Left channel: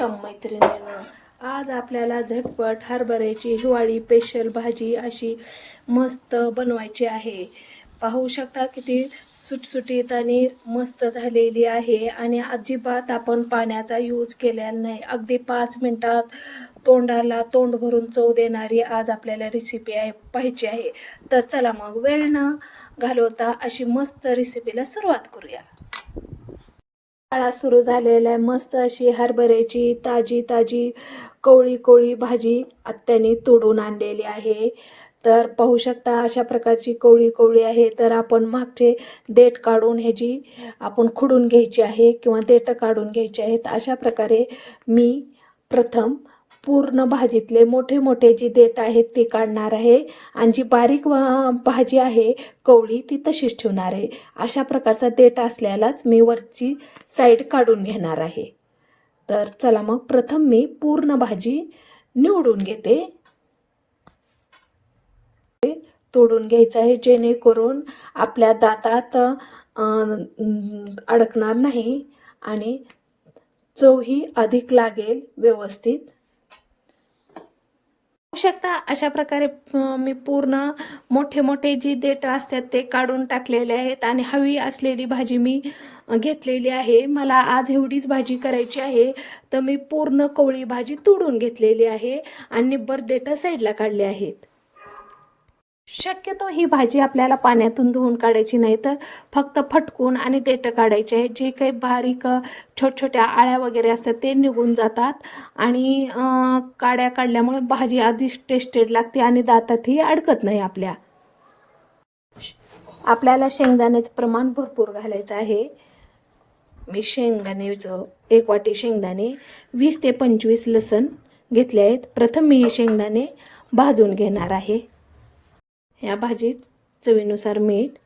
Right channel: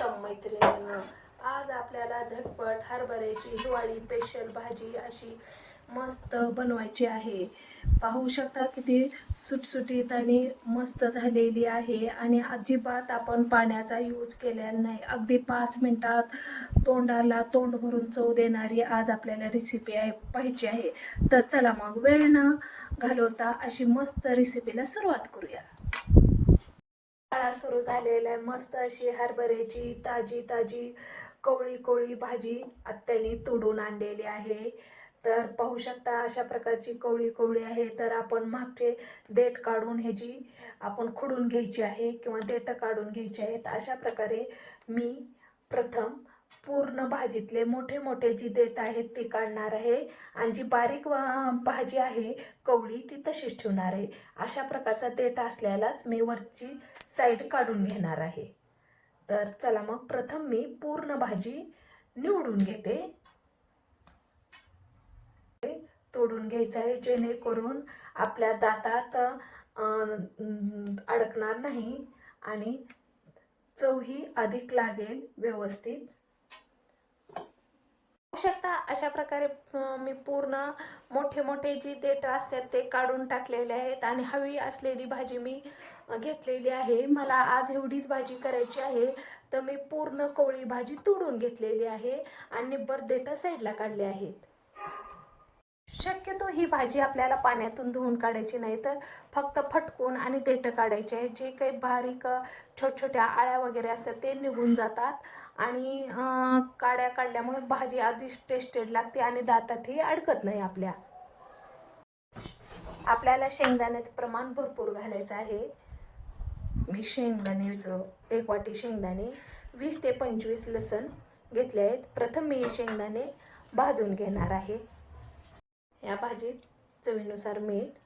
Welcome मैत्रिणी. आज आपल्याला झटपट हरभऱ्याची हिवाळी स्पेशल भाजी अशी मस्त बनवायची आहे. पाहू शकता किती सुटसुटीत आणि मस्त झालेली आहे आणि अजिबात आपण पाण्याचा यूज केलेला नाही. अगदी पाच मिनटात तोंडाला तोंड भरून चव देणारी आज आपल्याला रेसिपी आहे पाहिजे आहे. तर चला मग वेळ न घालवता अशी मस्त रेसिपीला सुरुवात करूया. शाळा सुरू झालेला आहे मस्त अशी हरभऱ्याची ताजी ताजी कोवळी कोळी भाजी आत्याने तोडून आणलेली आहे. तर पाहू शकता अशा प्रकारची कोवळी कोवळी आहे. तर आपण मागचे देठ काढून ह्याची आपण खुडून घ्यायची आहे किंवा देठं काढून घ्यायची आहेत अशा प्रकारे मी प्रथम पूर्ण भाजीतले मोठे मोठे जी देठ आहेत ते काढणार आहे. आणि जी बारीक भाजी आहे कवळी ती तशीच ठेवणार आहे. अशा प्रकारचा देठ असल्यालाच मी वरची साईड काढून घेणार आहे. तर चला मग प्रथम मी पूर्ण भाजी निवडून घेते. तोडून घ्यायचं आहे जेणेकरून आपल्या दातात अडकणार नाही आणि चवही अधिक लागेल व्यवस्थित. शकता? अशा प्रकारे मी पूर्ण मोठे मोठे जी देठ असतात ते काढून टाकलेले आहेत आणि हवी असलेली भाजी मी घेतलेली आहे. मला आज एवढीच भाजी करायची आहे. तर मी पूर्ण कोवळी भाजी तोडून घेतलेली आहे आणि निब्बर देठ साईडला काढले आहेत. शक्यतो ही भाजी आपल्याला पाण्यातून धुवून काढायची नाही तर फक्त फटकून आणि देठं काढायचे आहे. जे काही बारीक अ, छोट्या आळ्या वगैरे असतात ते निघून जातात. आणि काड्या काढल्यामुळे भाजी आधीच टेस्टेड लागते आणि दातातही अडकत नाही आपल्या. आपल्याला शेंगदाण्याचं प्रमाण भरपूर घालायचं आहे. मी शेंगदाण्याचं एक वाटी शेंगदाणे वीस ते पंचवीस लसण घेतले आहेत. प्रथम मी हे शेंगदाणे भाजून घेणार आहे. या भाजीत चवीनुसार मीठ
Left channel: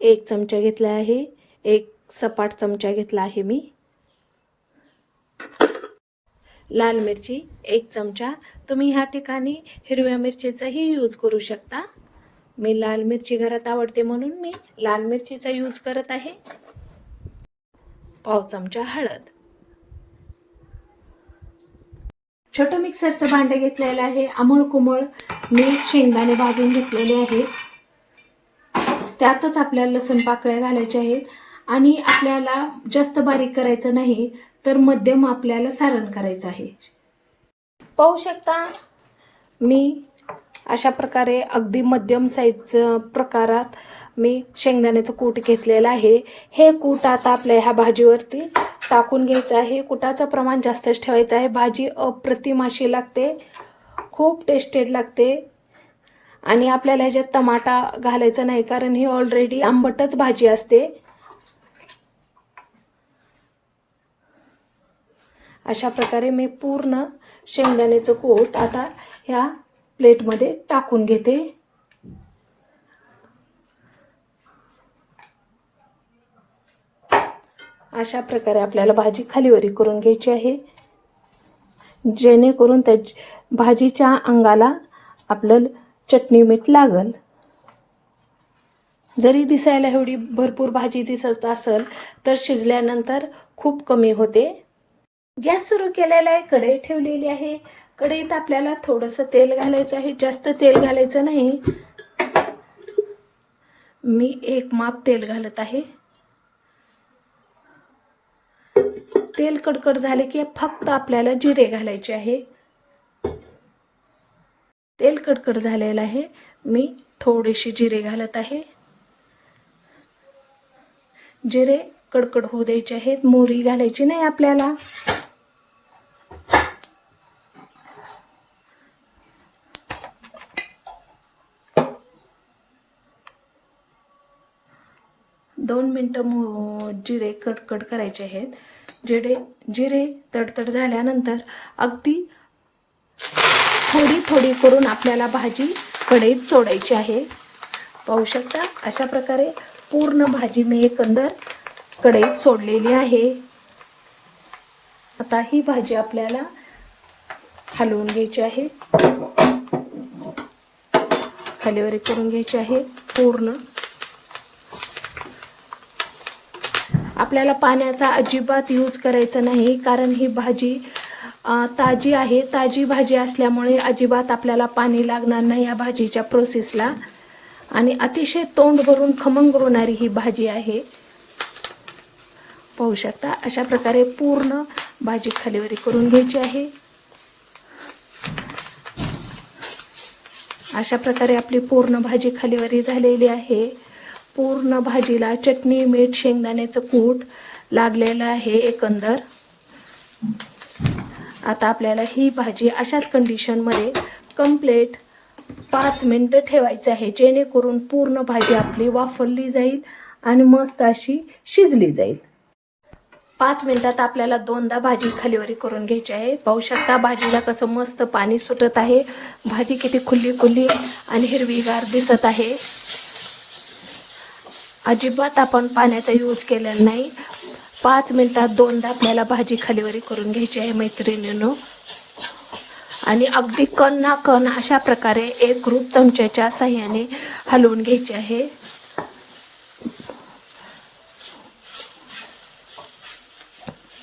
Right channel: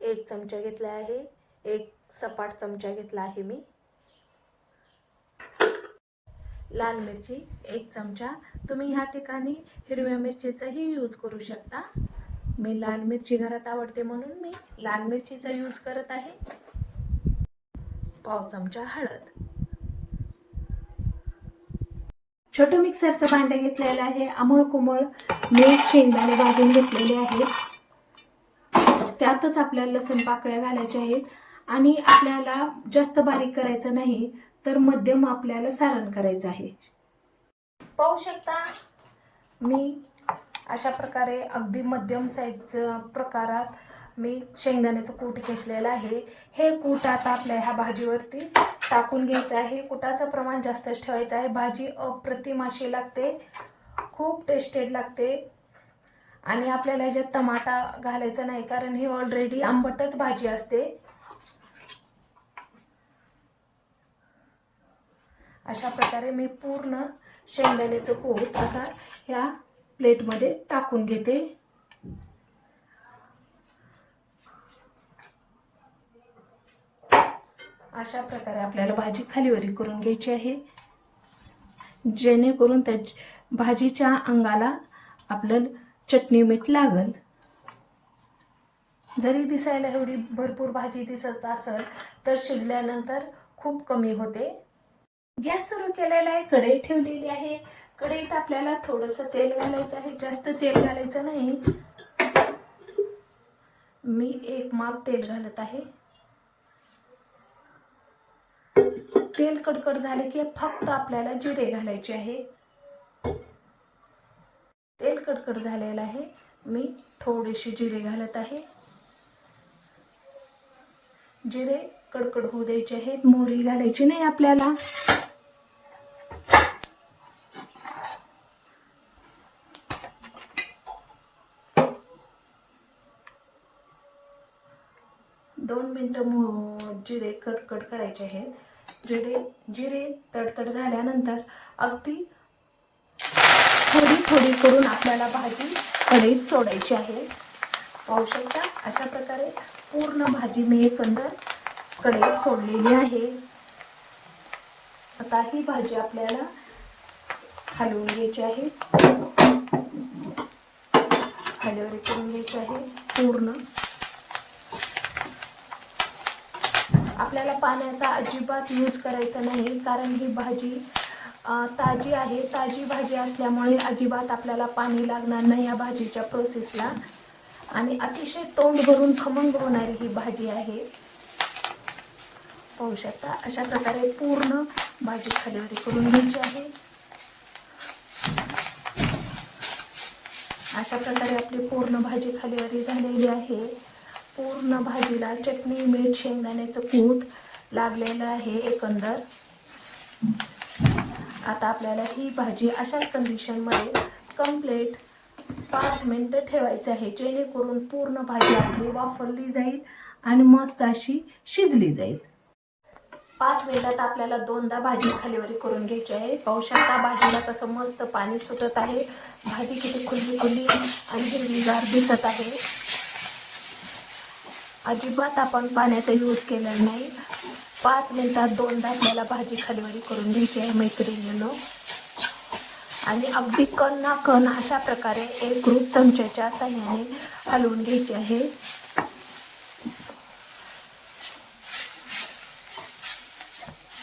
एक चमचा घेतला आहे एक सपाट चमचा घेतला आहे मी. लाल मिरची एक चमचा. तुम्ही ह्या ठिकाणी हिरव्या मिरचीचाही यूज करू शकता. मी लाल मिरची घरात आवडते म्हणून मी लाल मिरचीचा यूज करत आहे. पाव चमचा हळद. छोटं मिक्सरचं भांडं घेतलेलं आहे. अमूळ कोमळ मीठ शेंगदाणे भाजून घेतलेले आहेत. त्यातच आपल्याला लसूण पाकळ्या घालायच्या आहेत. आणि आपल्याला जास्त बारीक करायचं नाही तर मध्यम आपल्याला सारण करायचं आहे. पाहू शकता मी अशा प्रकारे अगदी मध्यम साईजचं प्रकारात मी शेंगदाण्याचं कूट घेतलेलं आहे. हे कूट आता आपल्या ह्या भाजीवरती टाकून घ्यायचं आहे. कुटाचं प्रमाण जास्तच ठेवायचं आहे. भाजी अप्रतिम अशी लागते. खूप टेस्टेड लागते. आणि आपल्याला ह्याच्यात टमाटा घालायचा नाही कारण ही ऑलरेडी आंबटच भाजी असते. अशा प्रकारे मी पूर्ण शेंगदाण्याचं कोट आता ह्या प्लेटमध्ये टाकून घेते. अशा प्रकारे आपल्याला भाजी खालीवरी करून घ्यायची आहे. जेणेकरून त्या भाजीच्या अंगाला आपलं चटणी मीठ लागल. जरी दिसायला एवढी भरपूर भाजी दिसत असेल तर शिजल्यानंतर खूप कमी होते. गॅस सुरू केलेला आहे कढई ठेवलेली आहे. कढईत आपल्याला थोडंसं तेल घालायचं आहे. जास्त तेल घालायचं नाही. मी एक माप तेल घालत आहे. तेल कडकड झाले की फक्त आपल्याला जिरे घालायचे आहे. तेल कडकड झालेलं आहे. मी थोडेसे जिरे घालत आहे. जिरे कडकड होऊ द्यायचे आहेत. मोहरी घालायची नाही आपल्याला. दोन मिनटं जिरे कडकड करायचे आहेत. जिरे जिरे तडतड झाल्यानंतर अगदी थोडी थोडी करून आपल्याला भाजी कढईत सोडायची आहे. पाहू शकता अशा प्रकारे पूर्ण भाजी मी एकंदर कढईत सोडलेली आहे. आता ही भाजी आपल्याला हलवून घ्यायची आहे. हलेवरी करून घ्यायची आहे पूर्ण. आपल्याला पाण्याचा अजिबात यूज करायचा नाही. कारण ही भाजी ताजी आहे. ताजी भाजी असल्यामुळे अजिबात आपल्याला पाणी लागणार नाही या भाजीच्या प्रोसेसला आणि अतिशय तोंड भरून खमंग होणारी ही भाजी आहे. पाहू शकता अशा प्रकारे पूर्ण भाजी खालीवरी करून घ्यायची आहे. अशा प्रकारे आपली पूर्ण भाजी खालीवरी झालेली आहे. पूर्ण भाजीला चटणी मीठ शेंगदाण्याचं कूट लागलेलं आहे एकंदर. आता आपल्याला ही भाजी अशाच कंडिशनमध्ये कंप्लेट पाच मिनटं ठेवायचं आहे जेणेकरून पूर्ण भाजी आपली वाफरली जाईल आणि मस्त अशी शिजली जाईल. पाच मिनटात आपल्याला दोनदा भाजी खालीवरी करून घ्यायची आहे. पाहू शकता भाजीला कसं मस्त पाणी सुटत आहे. भाजी किती खुल्ली खुल्ली आणि हिरवीगार दिसत आहे. अजिबात आपण पाण्याचा यूज केलेला नाही. पाच मिनिटात दोनदा आपल्याला भाजी खालीवरी करून घ्यायची आहे मैत्रिणीनं. आणि अगदी कण ना कण अशा प्रकारे एक ग्रुप चमच्याच्या साह्याने हलवून घ्यायची आहे.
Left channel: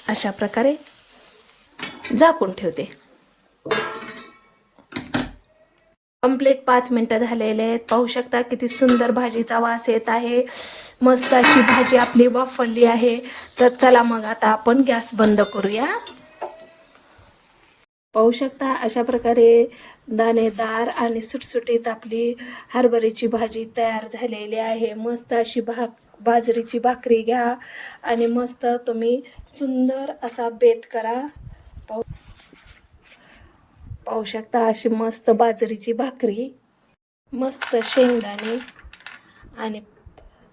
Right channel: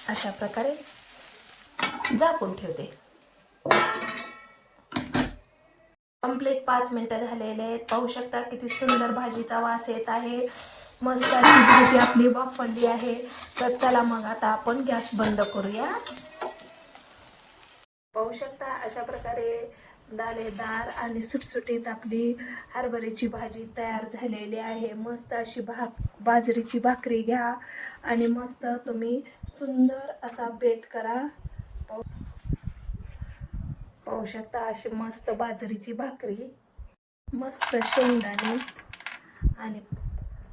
अशा प्रकारे झाकून ठेवते. कंप्लीट पाच मिनटं झालेले आहेत. पाहू शकता किती सुंदर भाजीचा वास येत आहे. मस्त अशी भाजी आपली वाफरली आहे. तर चला मग आता आपण गॅस बंद करूया. पाहू शकता अशा प्रकारे दाणेदार आणि सुटसुटीत आपली हरभऱ्याची भाजी तयार झालेली आहे. मस्त अशी भाक बाजरीची भाकरी घ्या आणि मस्त तुम्ही सुंदर असा बेत करा. पाहू शकता अशी मस्त बाजरीची भाकरी मस्त शेंगदाणे आणि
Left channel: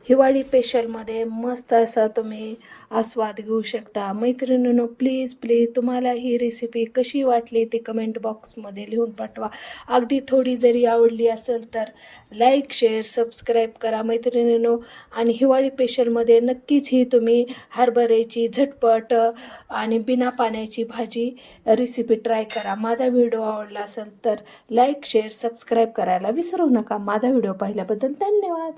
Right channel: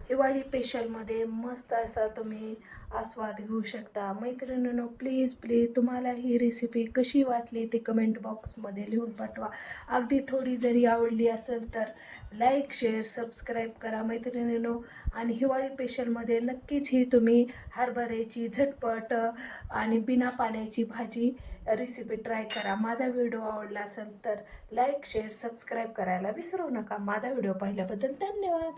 हिवाळी पेशलमध्ये मस्त असा तुम्ही आस्वाद घेऊ शकता. मैत्रिणींनो प्लीज प्लीज तुम्हाला ही रेसिपी कशी वाटली ते कमेंट बॉक्समध्ये लिहून पाठवा. अगदी थोडी जरी आवडली असेल तर लाईक शेअर सबस्क्राईब करा मैत्रिणींनो. आणि हिवाळी पेशलमध्ये नक्कीच ही तुम्ही हरभऱ्याची झटपट आणि बिना पाण्याची भाजी रेसिपी ट्राय करा. माझा व्हिडिओ आवडला असेल तर लाईक शेअर सबस्क्राईब करायला विसरू नका. माझा व्हिडिओ पाहिल्याबद्दल धन्यवाद.